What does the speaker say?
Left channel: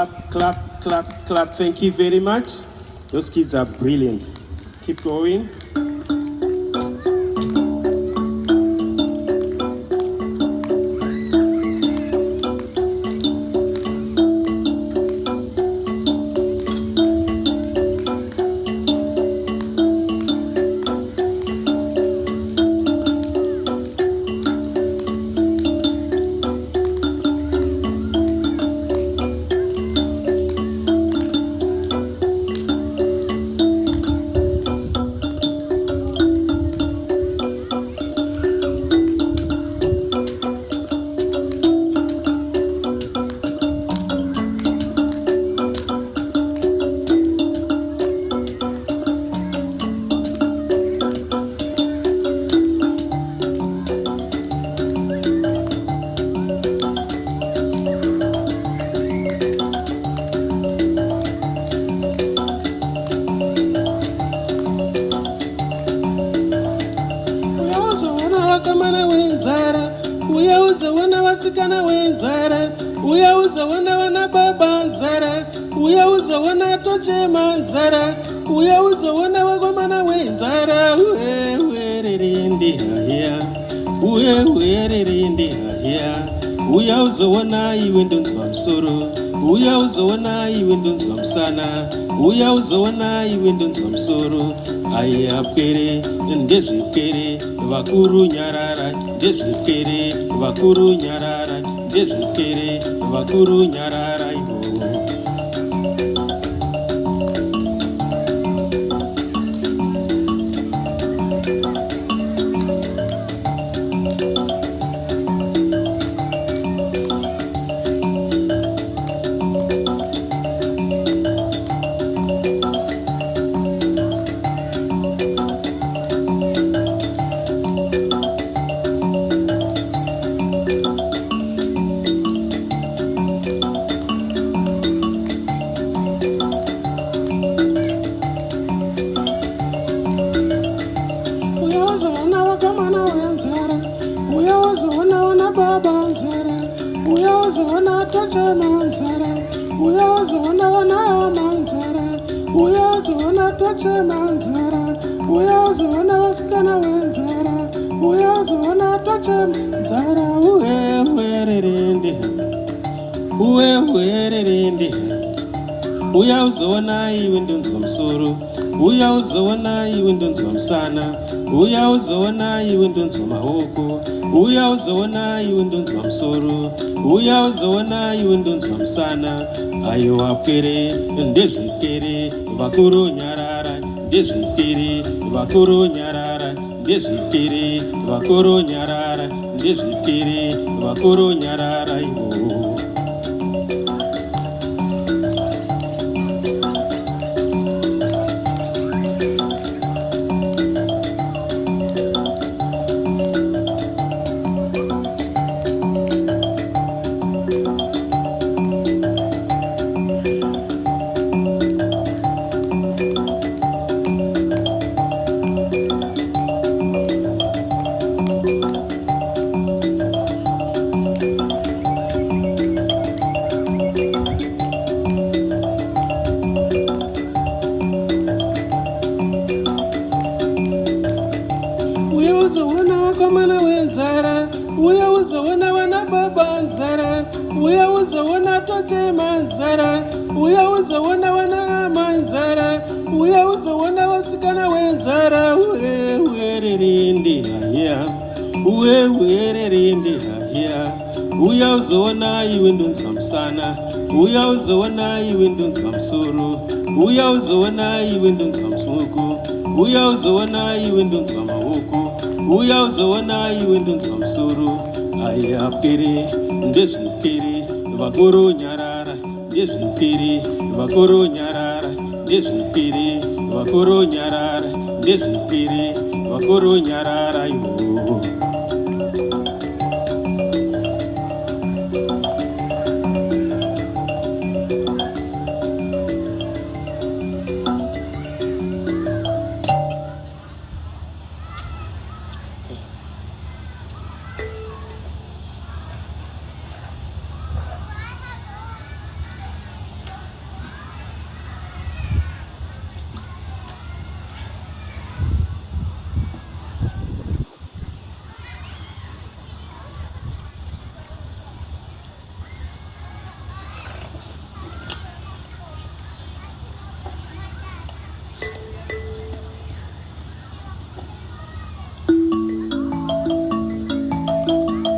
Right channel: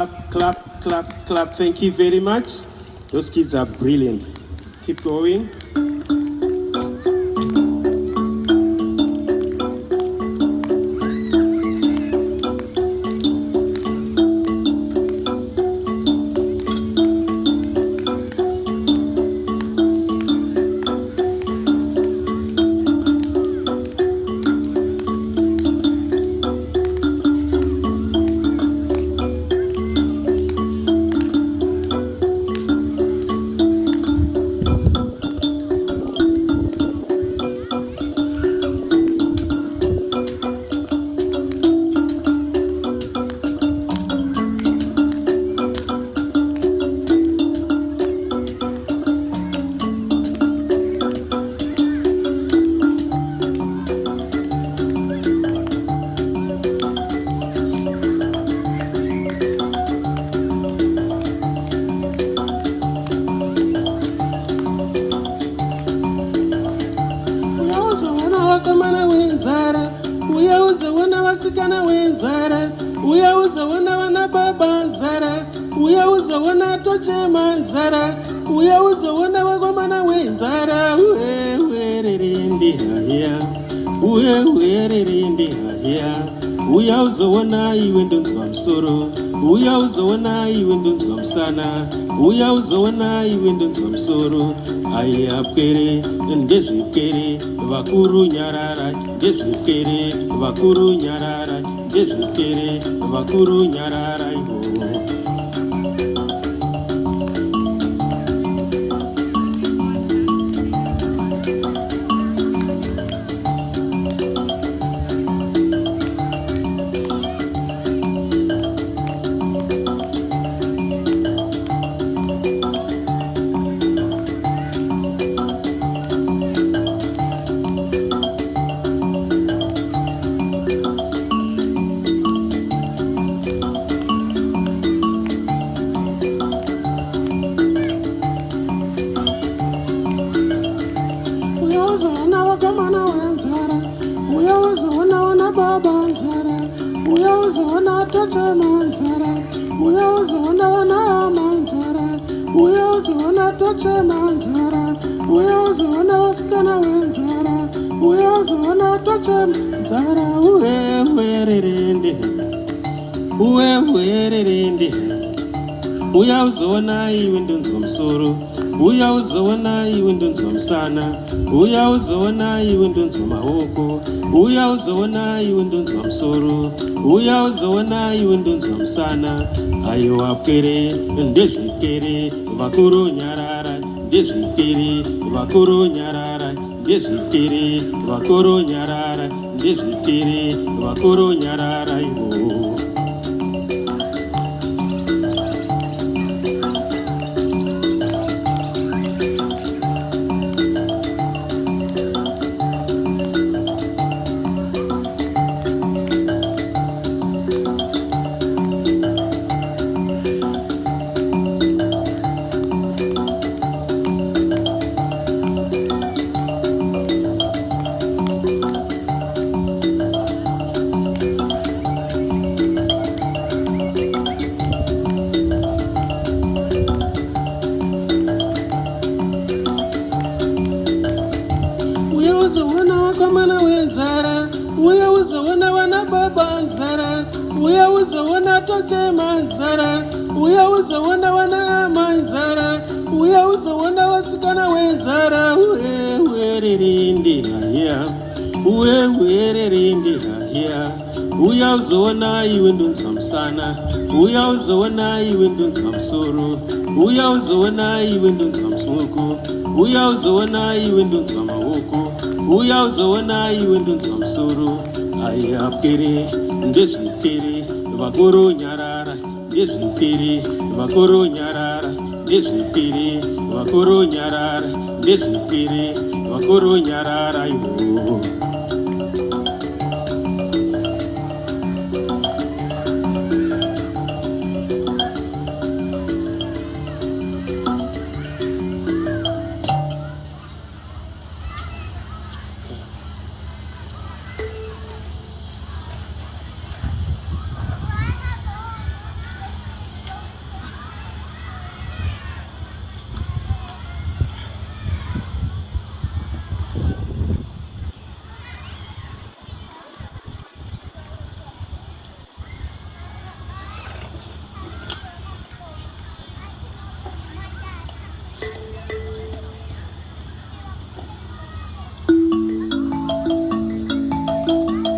Clap, clap, clap. Thank you very much. Those kids are brilliant. Keep going. Uyauzona iwe ndonzwa msoro, uyauzona iwe ndonzwa msana, uyauzona iwe ndonzwa msoro. Ayapere ndezvipere vakuru nyarara, ndezvipere vakuru nyarara, ndezvipere vakuru nyarara iho. Uyauzona iwe ndonzwa msoro, uyauzona iwe ndonzwa msana, uyauzona iwe ndonzwa mahoko, uyauzona iwe ndonzwa msoro, uyauzona iwe ndonzwa msana. Ayo apere ndezvipere vakuru nyarara, ndezvipere vakuru nyarara, ndezvipere vakuru nyarara, ndezvipere vakuru nyarara iho. Uyauzona iwe ndonzwa msana, uyauzona iwe ndonzwa msoro, uyauzona iwe ndonzwa msoko, uyauzona iwe ndonzwa mahoko, uyauzona iwe ndonzwa msoro. Ayapere ndezvipere vakuru nyarara, ndezvipere vakuru nyarara, ndezvipere vakuru nyarara, ndezvipere vakuru nyarara iho.